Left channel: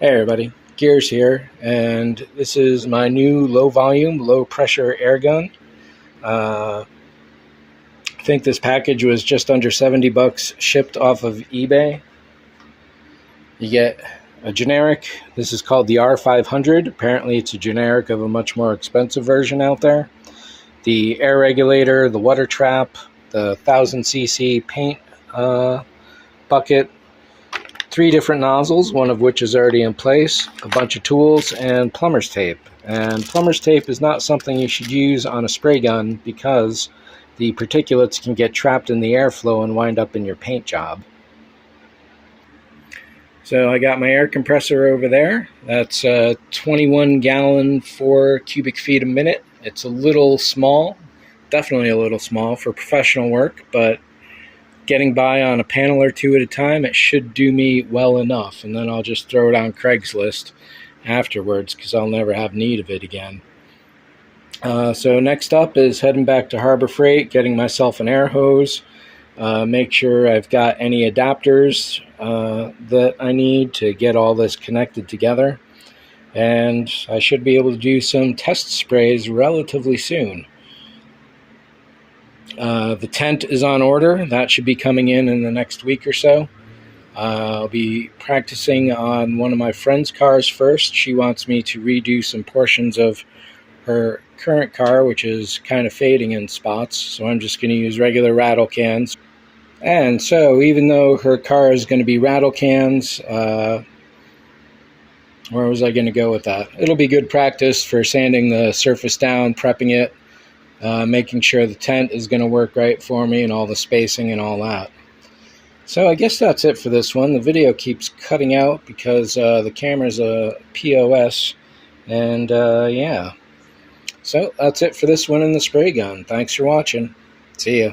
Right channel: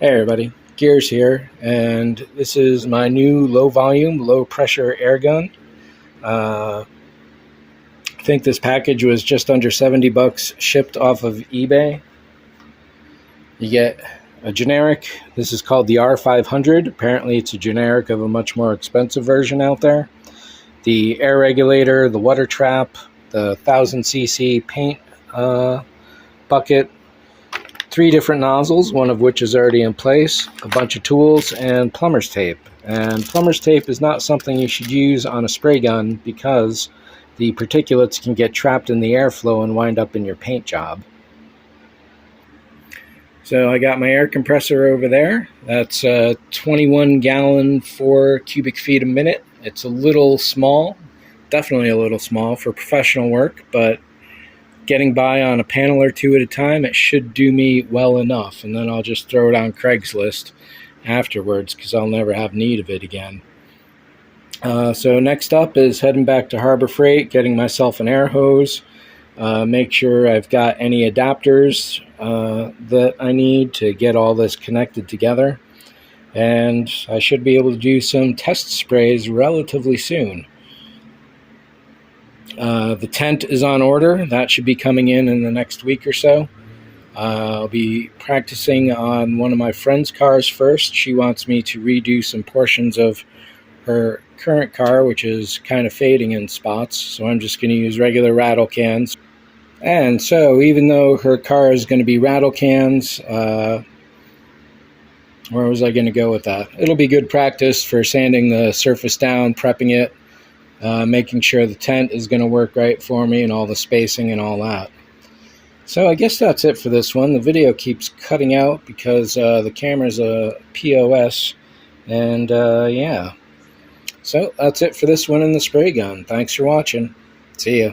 Hey everybody, Gears here, and this is my new low volume, low pressure air gun. I think this package was just under 70 bucks shipped off of eBay. You get a generic, this is called the R500. Apparently it's a generic of a much more expensive version out there. The air regulator, the water trap, the 1000cc paint bucket, 3 different nozzles, one of which is already in place, a bunch of tools, and plumber's tape. And plumber's tape is not something you should use on a spray gun because the particulates can get trapped in the airflow and wind up in your paint job. So I got my air compressor over there. That's a 21 gallon, 4 cubic feet a minute. It's a little small, definitely a little small for professional work, but getting by on a panel or two at a time, it should do me well enough, and then I'll just throw it on Craigslist afterwards because I'll never have need of it again. So next up is heading back to Harbor Freight, getting myself an air hose, make sure I've got any adapters that I need to get all this connected together, and I should be able to do some test sprays relatively soon. The tent is on order. That should be coming in the next week or so. I'll be practicing on one of my friend's cars first. She wants me to redo some portions of her current car, which is kind of fading in spots, so I'm just going to use regular rattle cans. And so even though her car is going to be rattle cans, where was I going to go with that? It'll be good practice for sanding the surface down, prepping it, making sure the tent is going to work right for me and all the spacing and all that. So I guess that's it for this one. The video keeps cutting out because the camera's a POS, and yeah. So that's it for this one in the spray gun. Thanks for watching. See ya.